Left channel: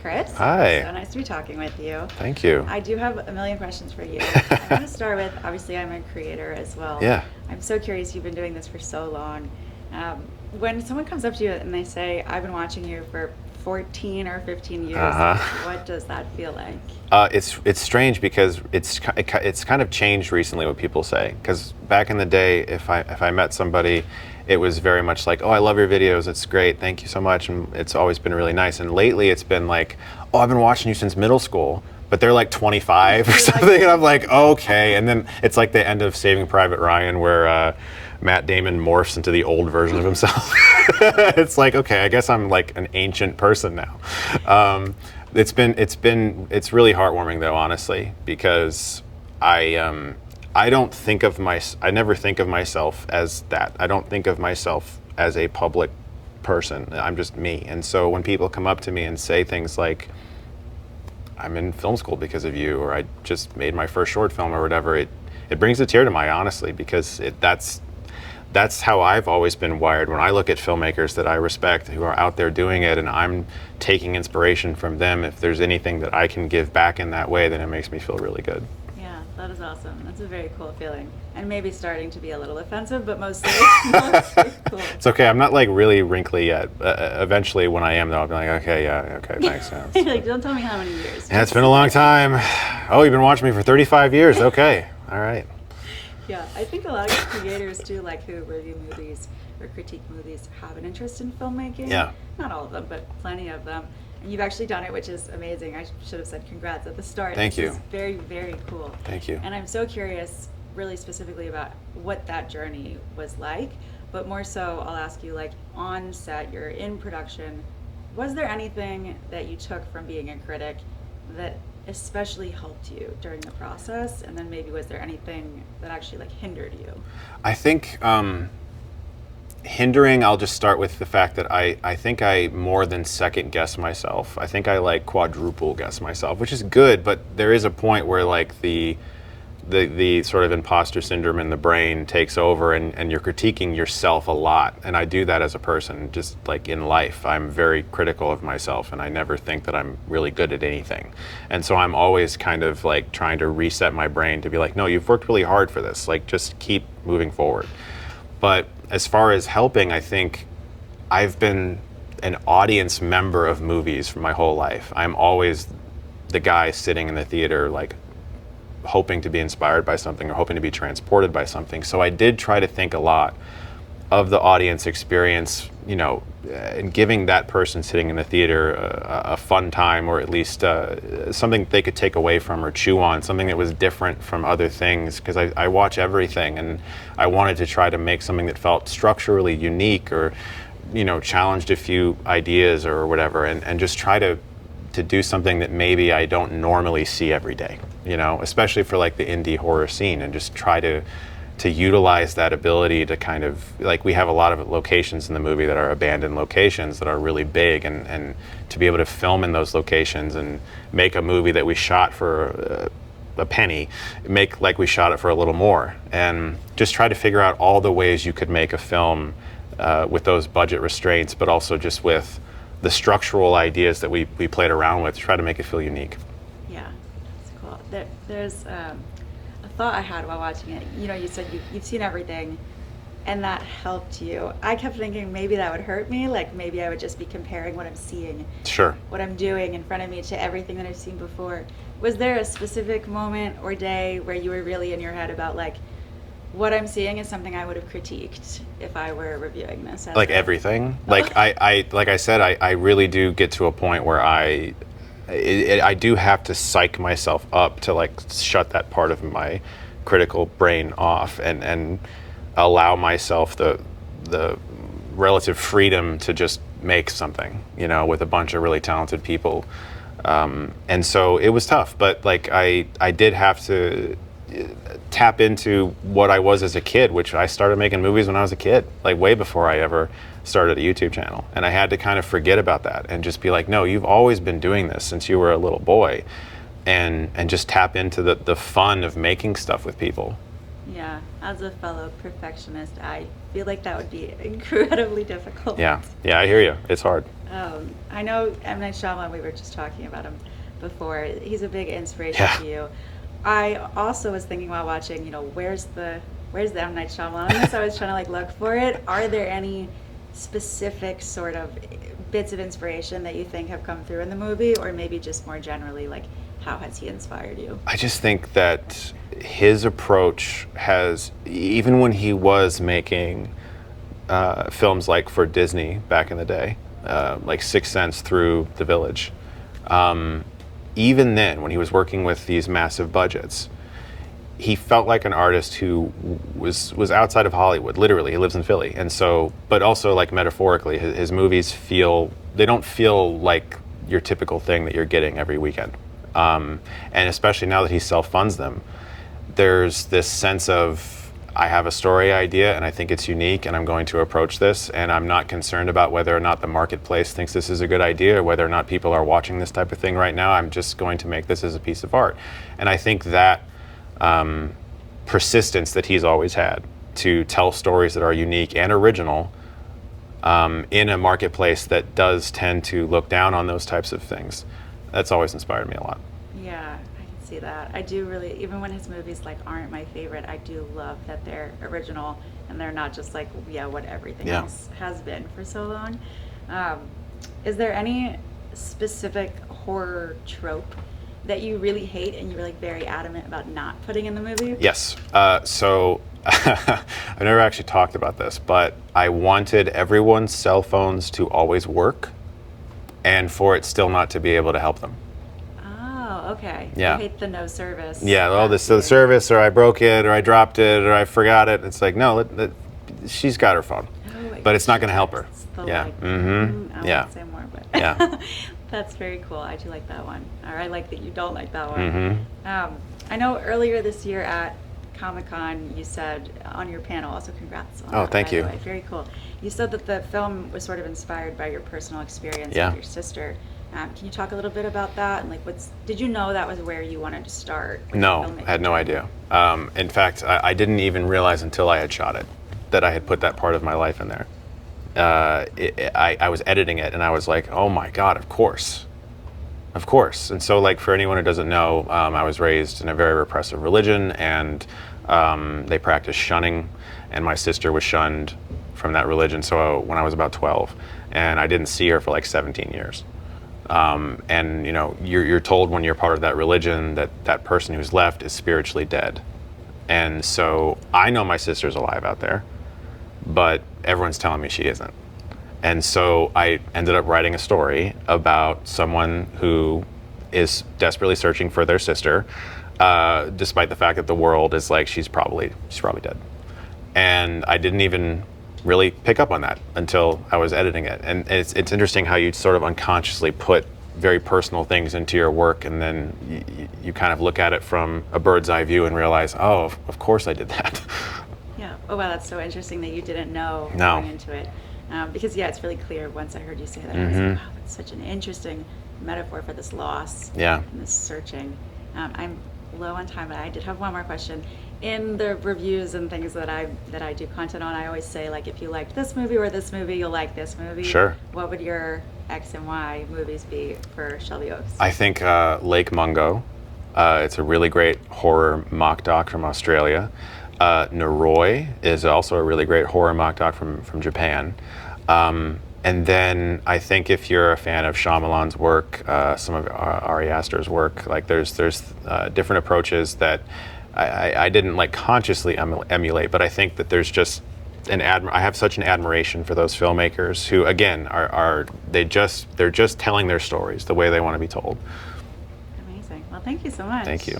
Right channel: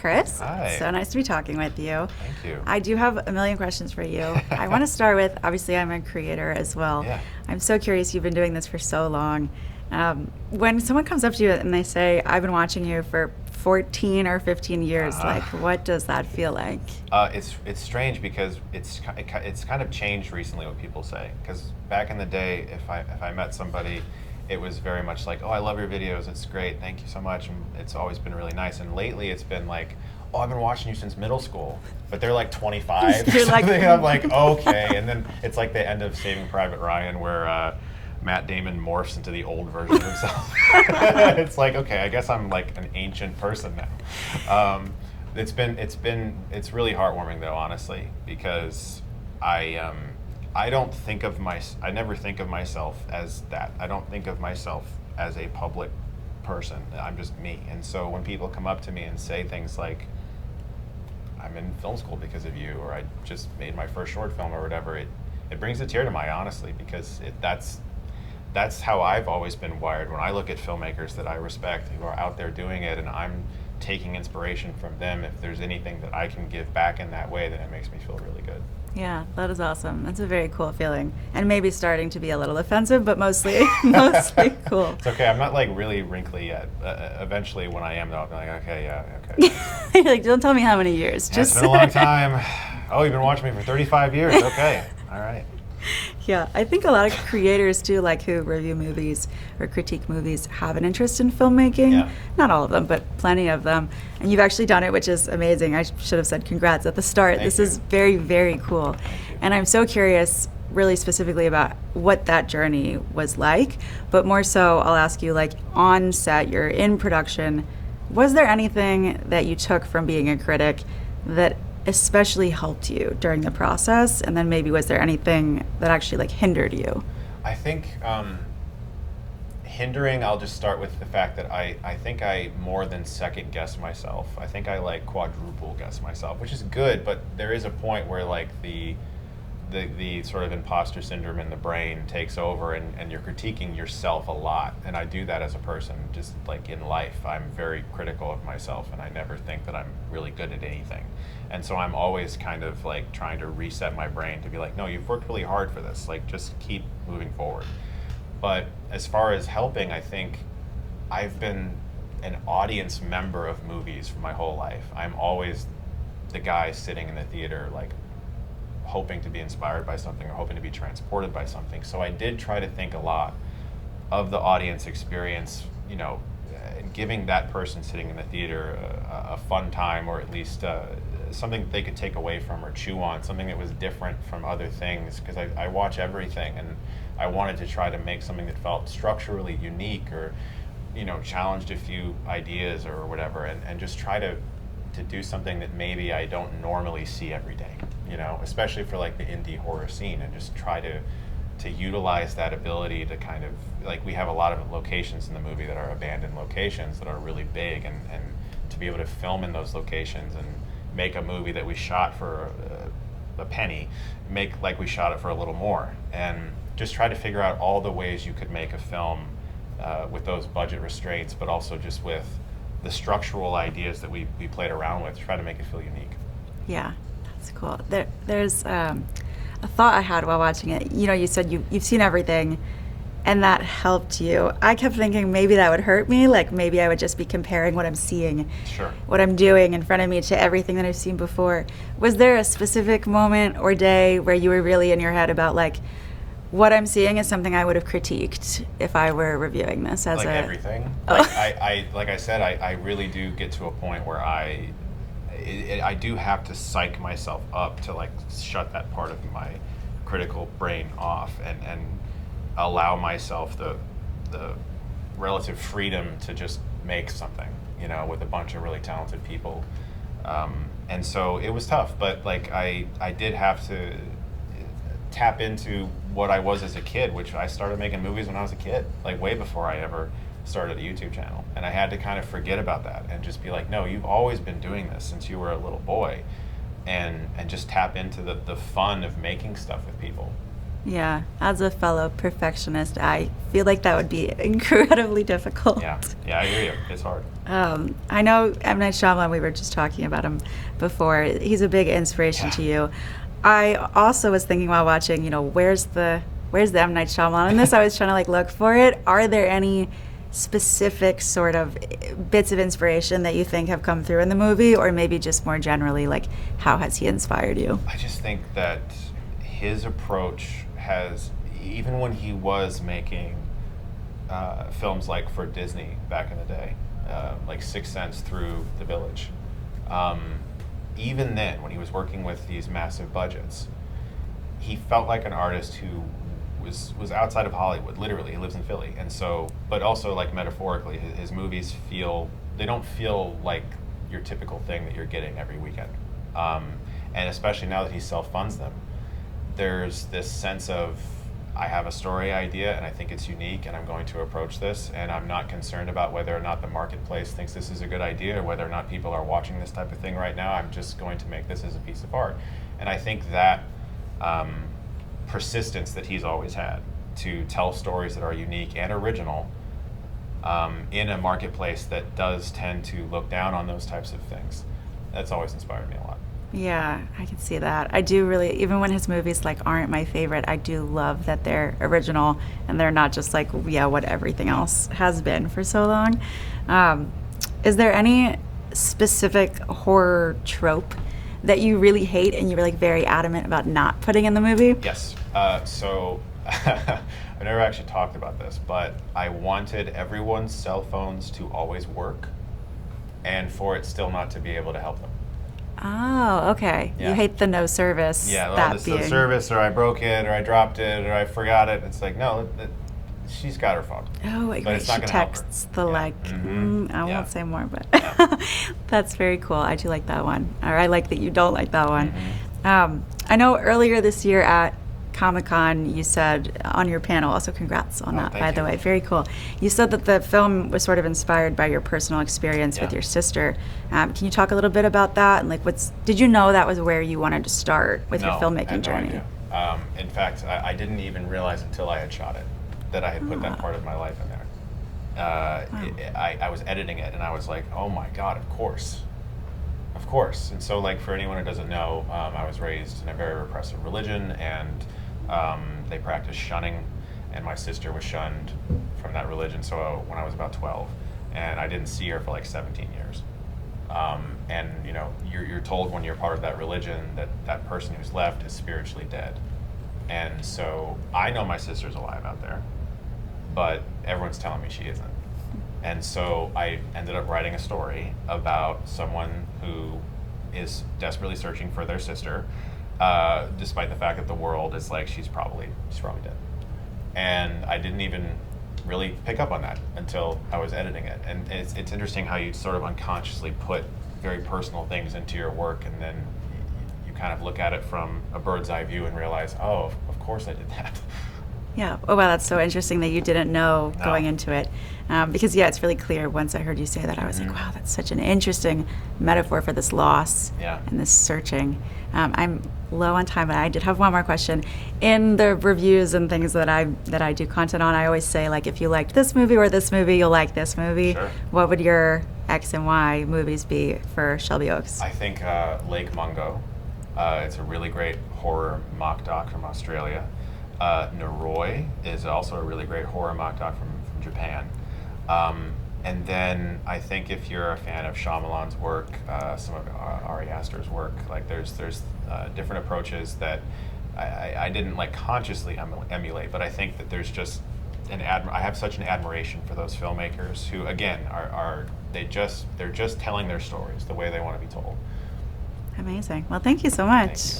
Chris. Hi. So nice to be talking with you. Thank you. I do have a million questions for you. I want to start with, obviously, I'm a creator as well. Yeah. I'm so curious. You've been doing this for so long. When someone comes up to you and they say, I've been watching you for 14 or 15 years, like, what does that feel like? It's strange because it's kind of changed recently what people say. Because back in the day, if I met somebody, it was very much like, oh, I love your videos, it's great, thank you so much, and it's always been really nice. And lately it's been like, oh, I've been watching you since middle school, but they're like 25 or something, and I'm like, okay. And then it's like the end of Saving Private Ryan where Matt Damon morphs into the old version of himself. It's like, okay, I guess I'm like an ancient person now. It's really heartwarming though, honestly, because I never think of myself as that. I don't think of myself as a public person. I'm just me. And so when people come up to me and say things like, I'm in film school because of you, or I just made my first short film or whatever, it brings a tear to my eye, honestly, because that's how I've always been wired. When I look at filmmakers that I respect who are out there doing it and I'm taking inspiration from them, if there's anything that I can give back in that way, then it makes me feel really good. Yeah, that is awesome. That's a very cool feeling. And maybe starting to be a little offensive, but mostly cool. It's okay, I'm not like really wrinkly yet. Eventually when I am though, I'll be like, okay, yeah, okay, thanks. Yeah. You're like, don't tell me how many years. Yeah, it's been a long time. Oh, you've been watching me for 35 years, okay, all right. Yeah, I think a lot of creators too, like who review movies or critique movies, have an interest in filmmaking. Yeah. Not all of them, but plenty of them. And you've actually done it, which is amazing. I should have said congrats at the start. Thank this you. is very, very cool. Thank you. And I'm so curious, really specifically about what that journey was like. But more so, I'll ask you, like on set, you're in production. Was there anything that you took from being a critic that especially helped you during the process, and then maybe was there anything that actually like hindered you? I think hindering, I'll just start with the fact that I think I more than second guess myself. I think I like quadruple guess myself, which is good, but there is a point where like the sort of imposter syndrome in the brain takes over and you're critiquing yourself a lot. And I do that as a person, just like in life. I'm very critical of myself and I never think that I'm really good at anything. And so I'm always kind of like trying to reset my brain to be like, no, you've worked really hard for this. Like just keep moving forward. But as far as helping, I think I've been an audience member of movies for my whole life. I'm always the guy sitting in the theater like hoping to be inspired by something or hoping to be transported by something. So I did try to think a lot of the audience experience, you know, and giving that person sitting in the theater a fun time, or at least something they could take away from or chew on, something that was different from other things, because I watch everything and I wanted to try to make something that felt structurally unique or, you know, challenged a few ideas or whatever, and just try to do something that maybe I don't normally see every day, you know, especially for like the indie horror scene, and just try to utilize that ability to kind of, like we have a lot of locations in the movie that are abandoned locations that are really big, and to be able to film in those locations and make a movie that we shot for a penny, make like we shot it for a little more, and just try to figure out all the ways you could make a film with those budget restraints, but also just with the structural ideas that we played around with to try to make it feel unique. Yeah, that's cool. There's a thought I had while watching it. You know, you said you've seen everything, and that helped you. I kept thinking maybe that would hurt me, like maybe I would just be comparing what I'm seeing, sure, what I'm doing in front of me to everything that I've seen before. Was there a specific moment or day where you were really in your head about like, what I'm seeing is something I would have critiqued if I were reviewing this as like everything? Like I said, I really do get to a point where I do have to psych myself up to like shut that part of my critical brain off and allow myself the relative freedom to just make something, you know, with a bunch of really talented people. And so it was tough, but like I did have to tap into what I was as a kid, which I started making movies when I was a kid, like way before I ever started a YouTube channel. And I had to kind of forget about that and just be like, no, you've always been doing this since you were a little boy, and just tap into the fun of making stuff with people. Yeah, as a fellow perfectionist, I feel like that would be incredibly difficult. Yeah, I hear you. It's hard. I know M. Night Shyamalan, we were just talking about him before. He's a big inspiration Yeah. to you. I also was thinking while watching, where's the M. Night Shyamalan in this? I was trying to like look for it. Are there any specific sort of bits of inspiration that you think have come through in the movie, or maybe just more generally, like how has he inspired you? I just think that his approach has, even when he was making films like for Disney back in the day, like Sixth Sense through The Village, even then, when he was working with these massive budgets, he felt like an artist who was outside of Hollywood. Literally, he lives in Philly, and so, but also like metaphorically, his movies they don't feel like your typical thing that you're getting every weekend. And especially now that he self-funds them, there's this sense of, I have a story idea and I think it's unique and I'm going to approach this, and I'm not concerned about whether or not the marketplace thinks this is a good idea or whether or not people are watching this type of thing right now. I'm just going to make this as a piece of art. And I think that persistence that he's always had to tell stories that are unique and original in a marketplace that does tend to look down on those types of things, that's always inspired me a lot. Yeah, I can see that. I do really, even when his movies like aren't my favorite, I do love that they're original and they're not just like, yeah, what everything else has been for so long. Is there any specific horror trope that you really hate and you're like very adamant about not putting in the movie? Yes. So I've never actually talked about this, but I wanted everyone's cell phones to always work and for it still not to be able to help them. Oh, okay. Yeah. You hate the no service. Yeah, that the being- service, or I broke it, or I dropped it, or I forgot it. It's like, no, she's got her phone. Oh, But it's not she going to help her. texts The Yeah. like, Mhm. I Yeah. won't say more, but Yeah. that's very cool. I do like that one. Or I like that you don't like that one. Mhm. I know earlier this year at Comic-Con, you said on your panel, also congrats on that, thank by you. the way, very cool. You said that the film was sort of inspired by your personal experience Yeah. with your sister. Can you talk a little bit about that? And like, did you know that was where you wanted to start with your No, filmmaking I had no journey? idea. In fact, I didn't even realize until I had shot it that I had put that part of my life in there. I was editing it and I was like, oh my God, of course. Of course. And so like for anyone who doesn't know, I was raised in a very repressive religion, and they practiced shunning, and my sister was shunned from that religion so when I was about 12, and I didn't see her for like 17 years. And you know, you're told when you're part of that religion that that person who's left is spiritually dead. And so I know my sister's alive out there, but everyone's telling me she isn't. And so I ended up writing a story about someone who is desperately searching for their sister, despite the fact that the world is like, she's probably dead. And I didn't even really pick up on that until I was editing it. And it's interesting how you sort of unconsciously put very personal things into your work, and then you kind of look at it from a bird's eye view and realize, oh, of course I did that. Yeah. Oh, wow, that's so interesting that you didn't know No. going into it. Because, yeah, it's really clear once I heard you say that. I was like, wow, that's such an interesting metaphor for this loss Yeah. and this searching. I'm low on time, but I did have one more question. In the reviews and things that I do content on, I always say, like, if you liked this movie or this movie, you'll like this movie. Sure. What would your X and Y movies be for Shelby Oaks? I think Lake Mungo. It's a really great horror mock doc from Australia. Noroi is also a really great horror mock doc from Japan. And then I think if you're a fan of Shyamalan's work, some of Ari Aster's work, like there's different approaches that I didn't like consciously emulate, but I think that there's just I have such an admiration for those filmmakers who, again, they're just telling their stories the way they want to be told. Amazing. Well, thank you so much. Thank you.